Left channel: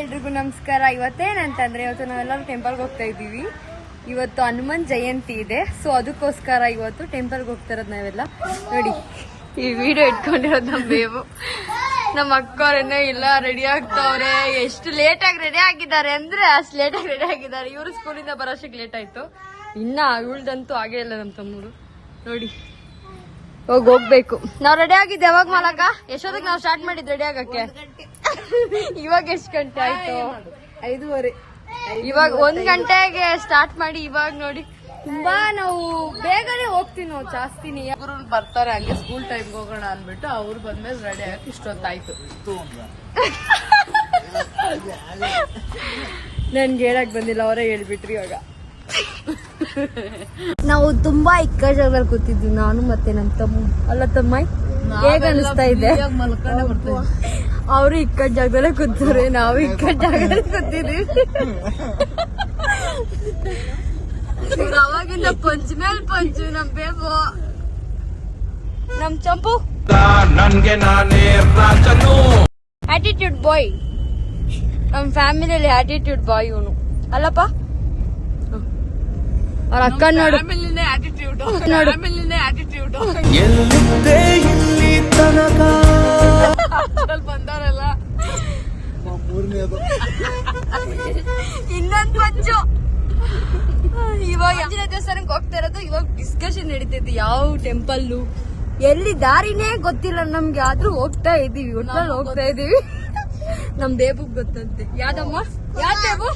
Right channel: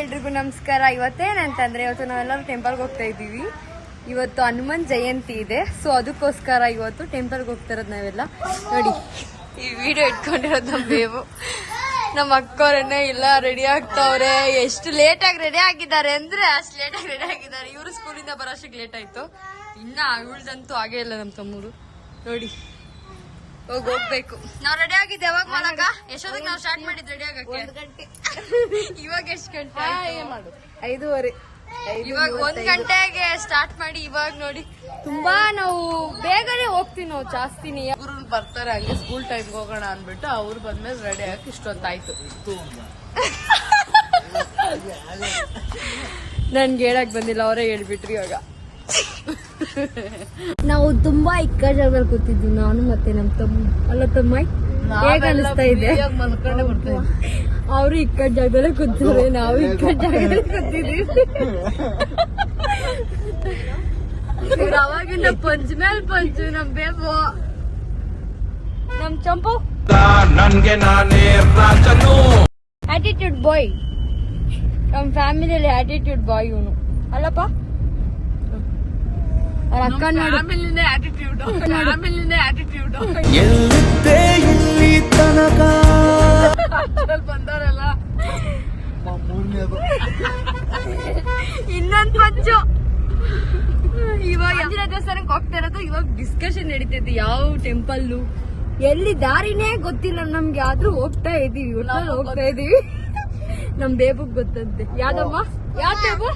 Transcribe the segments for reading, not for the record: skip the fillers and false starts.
ಎಲ್ರಿಗೂ ನಮಸ್ಕಾರ. ಇವತ್ತೇನಂತಂದ್ರೆ ಇವತ್ತು ನಾವೆಲ್ಲರೂ ಟೆಂಪಲ್ಗೆ ಹೋಗ್ತಾ ಇದ್ದೀವಿ. ಇವತ್ತು ಹನುಮನ್ ಜಯಂತಿ ಇದೆ, ಸೊ ಅದಕ್ಕೋಸ್ಕರ ಇವತ್ತು ಟೆಂಪಲ್ಗೆ ಹೋಗ್ತಾ ಇರೋದು ನಾವೆಲ್ಲ. ನೋಡಿ ಈ ವಿಡಿಯೋ ಇಟ್ಕೊಂಡಿರೋದು ನಮ್ಮ ಬೇವು. ನಮ್ಮ ಅಕ್ಕವ್ರನ್ನೇ ಇಲ್ಲ ರೆಡಿ ಆಗ್ತಾವ್ರೆ. ಎಷ್ಟು ಲೇಟಾಗಿ ರೆಡಿ ಆಗಿದ್ದಾರೆ ಅಂದ್ರೆ ಅಷ್ಟು ಲೇಟಾಗಿ ರೆಡಿ ಆಗಿದ್ದಾರೆ. ಇವರು ಸ್ಕೂಲಿಂದ ಬರೋಷ್ಟಕ್ಕೆ ಲೇಟ್ ಆಯ್ತು. ಇನ್ನ ಇವಳ್ದಂತೂ ಆಗೇ ಇಲ್ಲ ನಮ್ಮ ತಮ್ಮರು. ನೋಡಿ ಹೋಗ್ಬೇಕು. ನಾವ್ ರೆಡಿ ಆಗಿದ್ದೆ ಯಾವಾಗ ಮಾಡಕ? ಎಷ್ಟೊತ್ತಿಗೆ ನಾವ್ ಸ್ಟಾರ್ಟ್ ಮಾಡಿದ್ ರೆಡಿ ಆಗಕ್ಕೆ? ಇವಾಗ ಎಷ್ಟು ಗಂಟೆ ಆಯ್ತು? 5:30. ಇವಾಗ 1 ಗಂಟೆಗೆ ಸ್ಟಾರ್ಟ್ ಮಾಡಿ ಇವಾಗ ನೋಡಿ ತುಂಬಾ ನಾವು ಬೇಗನೆ ಹೋಗ್ತೀವಿ. ನಾವು ಜಾಸ್ತಿನಿ ಅವ್ರು ಬರ್ತಾರೆ ಹಂಗೆ ಸ್ಕೂಲ್ ಟೈಮ್ಗೆ ಹೋಗೋಣ ಅನ್ಬಿಟ್ಟು ಅವ್ರು ಬಂದ್ಮೇಲೆ ರೆಡಿ ಆಗಕ್ಕೆ ಇಷ್ಟೊತ್ತಾಯ್ತು. ನನ್ಗೆ ಹೇಳಕ್ ಬಂದಿಲ್ಲ, ಅವರೇ ಹೇಳ್ಬಿಟ್ರಿ. ಇವಾಗ ನಾವು ತುಂಬಾ ಇಕ್ಕ ಜಾಗದಲ್ಲಿ ಕೂತಿದ್ವಿ, ನಾನು ಮತ್ತೆ ನಮ್ ತಮ್ಮ. ಅಲ್ಲ ತಮ್ಮ, ಹೇಗ ಅನಿಸ್ತಾ ಇದೆ? ಅವರು ಇಕ್ಕ ಜಾಗದಲ್ಲೇ ಕೂತಾರೆ, ನಾವು ಇಕ್ಕ ಜಾಗದಲ್ಲಿ ಕೂತಿದ್ವಿ. ಅವಾಗಿಂದ ಪಂಚ್ ಮೇಲ್ ಪಂಚು ನಮ್ ಬೇಬು, ನಮ್ ಚಂಪು ನನ್ಗೆ ನಾನೇ ರಾಜನು. ಆಟಿಟ್ಯೂಡ್ ಬಾಯ್, ನಮ್ ಫ್ಯಾಮಿಲಿಯಲ್ಲಿ ಆಟಿಟ್ಯೂಡ್ ಬಾಯ್ ಇವನು ಅಲ್ಲಪ್ಪ. ಅಕ್ಕ ನೋಡು, ಎಲ್ಲಿದ್ದೆ ಇಲ್ಲಿ ತನಕ ಬಂದವರೆಲ್ಲ. ಇನ್ನೊಂದು ಪಂಚು. ಇವಾಗ ಆಂಜನೇಯ ದೇವಸ್ಥಾನಕ್ಕೆ ಹೋಗ್ತಾ ಇರೋದು. ಇವಾಗ ಡಿಸ್ಕಷನ್ ನಡೀತೈತಿ ಯಾವ ಟೆಂಪಲ್ಲು ಎಲ್ಲಿ ದಾರಿನೇ ಗೊತ್ತಿಲ್ಲ ನಮ್ಗೆ, ಆದ್ರೂ ಹೋಗ್ತಾ ಇದೀವಿ. ಒಟ್ನಲ್ಲಿ ಹೋಗ್ತಾ ಇದೀವಿ. ನಮ್ ಬೇಬುಗ್ ಗೊತ್ತಂತೆ. ಯಾವ್ದಮ್ಮ? ಯಾವ್ ಬೇಬು?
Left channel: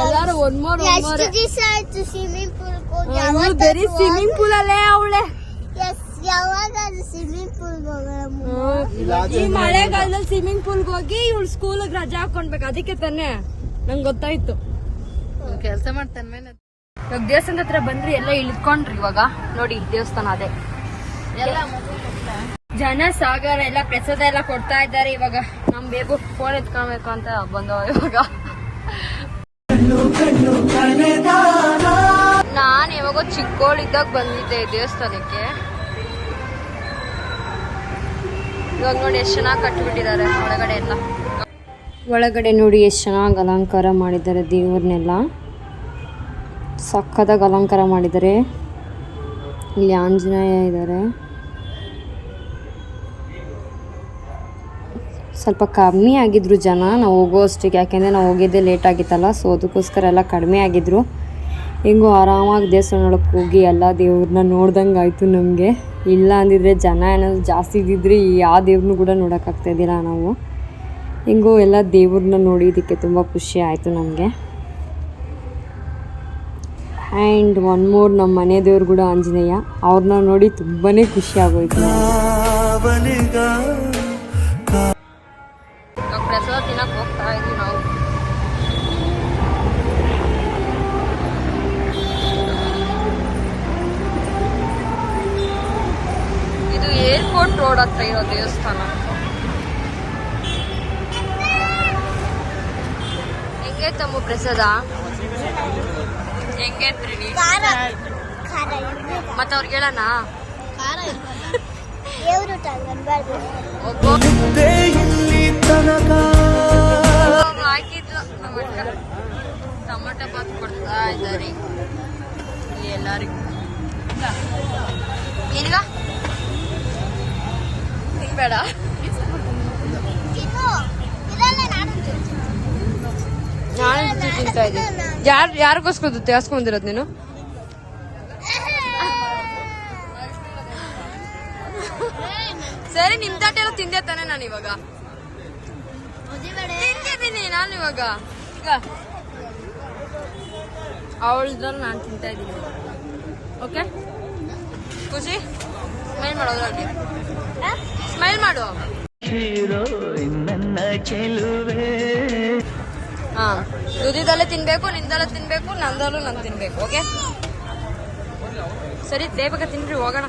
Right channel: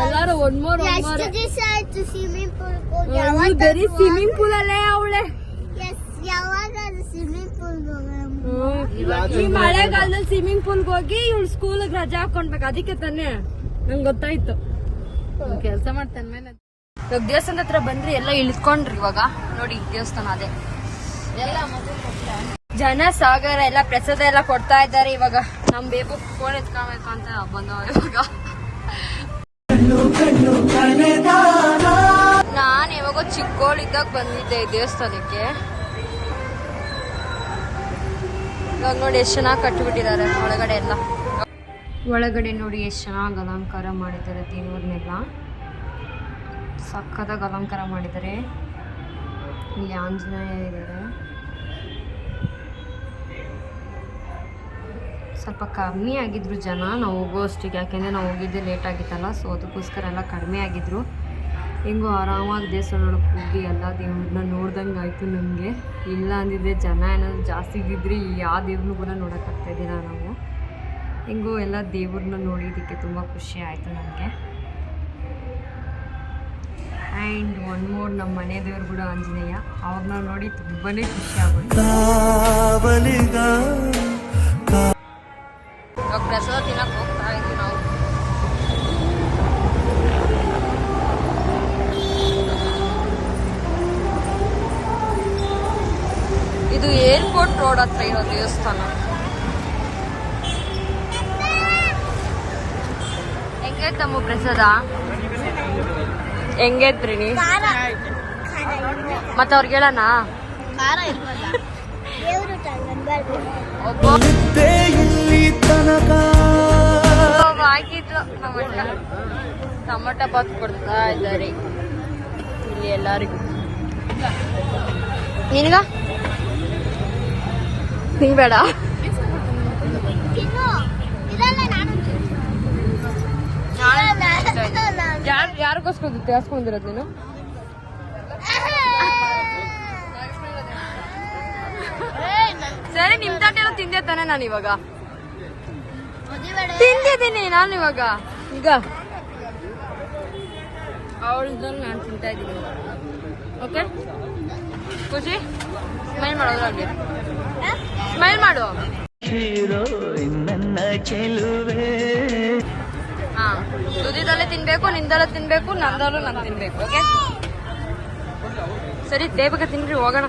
ಎಲ್ಲಾರು ಒನ್ ಮೋರ್ ಬರೀ ಸ್ವಿಮ್ಮಿಂಗ್ ಪೂಲ್ ಅಲ್ಲೇ ಅವಳೆ. ಈ ಮಳೆಗಾಲದಲ್ಲಿ ಸ್ವಿಮ್ಮಿಂಗ್ ಪೂಲ್ಗೆ ಹೋಗಿ ಇವಳು ಸ್ಕೂಲ್ಗೆ ರಜಾ ಹಾಕೊಂಡ್ಬೇಕು. ಅದಕ್ಕೆ ತಾನೆ ನಂಗೆ ಗೊತ್ತಾಯ್ತು. ಕೆಲಸ ಮಾಡ್ತಾನೆ ಮೇಲೆ. ಇವಾಗ ದೇವಸ್ಥಾನದ ಹತ್ರ ಬಂದ್ರಿ, ಎಲ್ಲ ಇಳಿದ್ಕೊಂಡ್ರಿ. ಇವಾಗ ನೋಡಿ ದೇವಸ್ಥಾನ ಅದೇ. ಜನ ಸಾಗರ ಎಲ್ಲ ಪ್ರಸಾದ ಎಲ್ಲ ಕೊಡ್ತಾ ಇದ್ದಾರೆ. ಇವಾಗ ನಮ್ ಬೇಬು ಫೋನ್ ಎತ್ಕೊಬೇಕು ಅಂತ ಬಂದವ. ಇವಾಗ ನಾನ್ ಯಾವಾಗ ಚಿಕ್ಕೋಳಿದ್ದಾಗ ಬಂದಿದ್ದೆ ದೇವಸ್ಥಾನಕ್ಕೆ. ಇವಾಗ ನೋಡಿ ಎಷ್ಟು ಚೆನ್ನಾಗಿ ಕಟ್ಟಿಬಿಟ್ಟಿದ್ದಾರೆ ಒಳಗಡೆ ಎಲ್ಲ. ಒಳಗಡೆ ನೋಡಿ ಎಷ್ಟು ಚೆನ್ನಾಗಿ ಅಲಂಕಾರ ಮಾಡಿದ್ದಾರೆ ದೇವ್ರನ್ನೆಲ್ಲ. ಸಕ್ಕತ್ತಾಗಿ ಅಲಂಕಾರ ಮಾಡಿದ್ದಾರೆ. ಇಲ್ಲಿ ಆಂಜನೇಯ ಇದ್ದಾರೆ. ಸ್ವಲ್ಪ ಕಮ್ಮಿ ಆಗಿದ್ರು ಜನ ನಾವು ಹೋಗೋ ಅಷ್ಟಿಗೆ, ಯಾಕೆಂದರೆ ನಾವು ಹೋಗಿದ್ದೆ ಲೇಟ್ ಆಗಿತ್ತಲ್ಲ, ಸೊ ಅದಕ್ಕೋಸ್ಕರ ಎಲ್ಲ ಕಡಿಮೆ ಆಗಿದ್ರು. ಹೆಂಗೋ ಆರಾಮಾಗಿ ದೇವಸ್ಥಾನಕ್ಕೆ ಹೋಗಿ ಎಲ್ಲ ದೇವ್ರನ್ನ ನೋಡ್ದಂಗೆ ಆಯಿತು ನಮಗೆ. ಇಲ್ಲ ಅಂದಿದ್ರೆ ಜನ ಏನಾದರೂ ಜಾಸ್ತಿ ಇದ್ದಿದ್ರೆ ಯಾವ ದೇವ್ರನ್ನೂ ಕೂಡ ನೋಡೋಕ್ಕಾಗ್ತಾಯಿದ್ದಿಲ್ಲ ನಾವು. ಹೆಂಗೋ ಎಲ್ಲ ದೇವ್ರನ್ನ ನೋಡಿದ್ದಕ್ಕೆ ತುಂಬ ಖುಷಿ ಆಯಿತು ನಮಗೆ. ಆ್ಯಂಡ್ ಒನ್ ಮೋರ್, ನಮ್ಮ ಮನೆ ದೇವ್ರು ಕೂಡ ಆಂಜನೇಯ. ಅವ್ರನ್ನ ನೋಡಿ ತುಂಬಾ ಖುಷಿ ಆಗೋಯ್ತು. ಪ್ರಸಾದ ತಿನ್ನಕ್ಕೆ ಹೋಗ್ತಾ ಇದ್ವಿ ನಾವು. ಇದು ಏರ್ಪೋರ್ಟ್ ರೋಡ್ ಹತ್ರ ಇರೋ ದೇವಸ್ಥಾನ. ಹೆಂಗೆ ತಮ್ಮ ಪ್ರಸಾದ? ಹೆಂಗೆ ಪ್ರಣೀಶ್? ಮತ್ತ ಅವ್ರಿಗೆ ಹೇಳೋಣ. ಹಾಕಿದ್ರು ನಮ್ಮ ಅಕ್ಕ ಟೊಮೊಟೊ ಬಾತ್ ಕೊಡ್ತಾ ಇದ್ದಾರೆ ಇಲ್ಲಿ ಎಲ್ಲರಿಗೂ. ನಿನಗ ತಿನ್ಬೇಡ. ಯಾರಿಗೋಸ್ಕರ ತೇಸ್ಕೊಂಡಿರೋದು ನೀನು? ಸರಿ, ನಿಮ್ ತಾಟೆಲ್ಲ ತಿಂದೆ ತಾನೆ? ನಾನು ಇವಾಗ ತಿಂದಿದ್ದೀನಿ. ನಾನು ಇವಾಗ ಈಗ ಅವಳದಲ್ಲಿ ನಾನು ತಿಂತಾ ಇದ್ದೀನಿ. ಓಕೆ, ಖುಷಿ ಸ್ಮೈಲ್ ಮಾಡೋದ್ರಾಗೆ. ಸ್ಮೈಲ್ ಮಾಡು. ಹಾ, ದುದಿದಲ್ಲೇ ತಿನ್ಬೇಕು, ನಿಂದಲ್ಲೇ ತಿನ್ಬೇಕು, ನಂದಲ್ಲೂ ನಾನು ತಿನ್ಬೇಕು. ಓಕೆ ಸರಿ, ಬೇಗ ತಿನ್ರಿ, ಹೋಗೋಣ.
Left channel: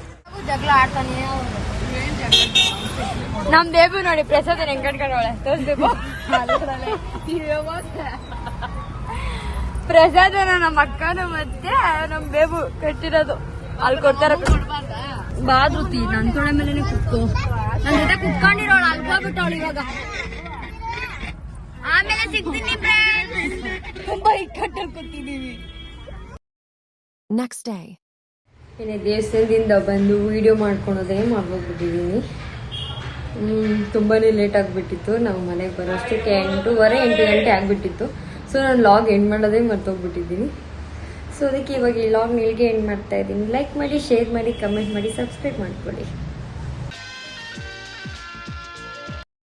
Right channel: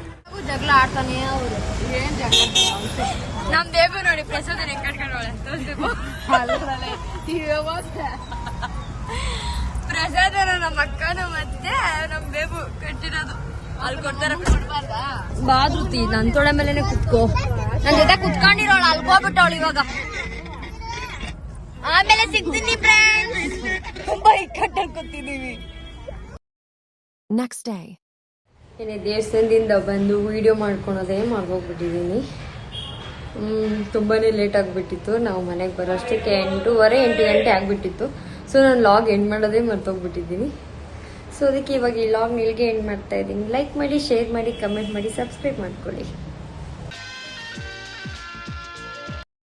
ಜಗಳ ಆಡ್ತಾನೆ ಅವರು. ಏನ್ ಜಗಳ? ನಮ್ ಬೇಬು ನೋಡಿ ಪ್ರಸಾದ ಹೆಂಗ್ ಕಟ್ಕೊಂಡವಳೆ. ಪ್ರಸಾದನ ನಮ್ಮ ಅಕ್ಕನ ಮತ್ತೆ ನಮ್ ಬೇಬು ಕಟ್ಟಿರೋದು. ಅಲ್ಲಿ ಗೊತ್ತಾರ ಬಾದ್ರುತಿ ನನ್ ತೊಡೆ ಮೇಲೆನೆ ಕುತ್ಕೋ ನನ್ ಜೊತೆ ಕುತ್ಕೊಂಡಿರೋಳು ಅಲ್ಗೋಗ್ಬಿಟ್ಟವಳು ಇವಾಗ ಆಮೇಲೆ ಸಿಗ್ತೀನಿ ತುಂಬಾ ಇಕ್ಕಟ್ಟಲ್ಲಿ ಕೂತಿದೀವಿ. Next day. ಏನೇ ದೇವಸ್ಥಾನದಿಂದ ಬಂದು ವಿಡಿಯೋ ಮಾಡ್ಕೊಳೋದೇ ಮರ್ಗೋಗ್ಬಿಟ್ಟಿದೀನಿ. ತುಂಬಾನೇ ಲೇಟ್ ಆಗ್ಬಿಟ್ಟಿತ್ತು. ನಾವು ಮನೆಗೆ ಬರೋಷ್ಟಕ್ಕೆ 8 ಗಂಟೆ ಆಗ್ಬಿಟ್ಟಿತ್ತು. ಸೊ ನಾನು ಲಾಗ್ ಎಂಡ್ ಮಾಡೋದೇ ಮರ್ತೋಗ್ಬಿಟ್ಟಿದ್ದೀನಿ. ಸೊ ಅದಕ್ಕೆ ಇವಾಗ ಈ ಲಾಗ್ ನಿಲ್ಗೆ ಎಂಡ್ ಮಾಡ್ತಾ ಇದ್ದೀನಿ. ಲೈಕ್ ಮಾಡಿ, ಶೇರ್ ಮಾಡಿ, ಕಮೆಂಟ್ ಮಾಡಿ, ಸಬ್ಸ್ಕ್ರೈಬ್ ಮಾಡ್ಕೊಳ್ಳಿ.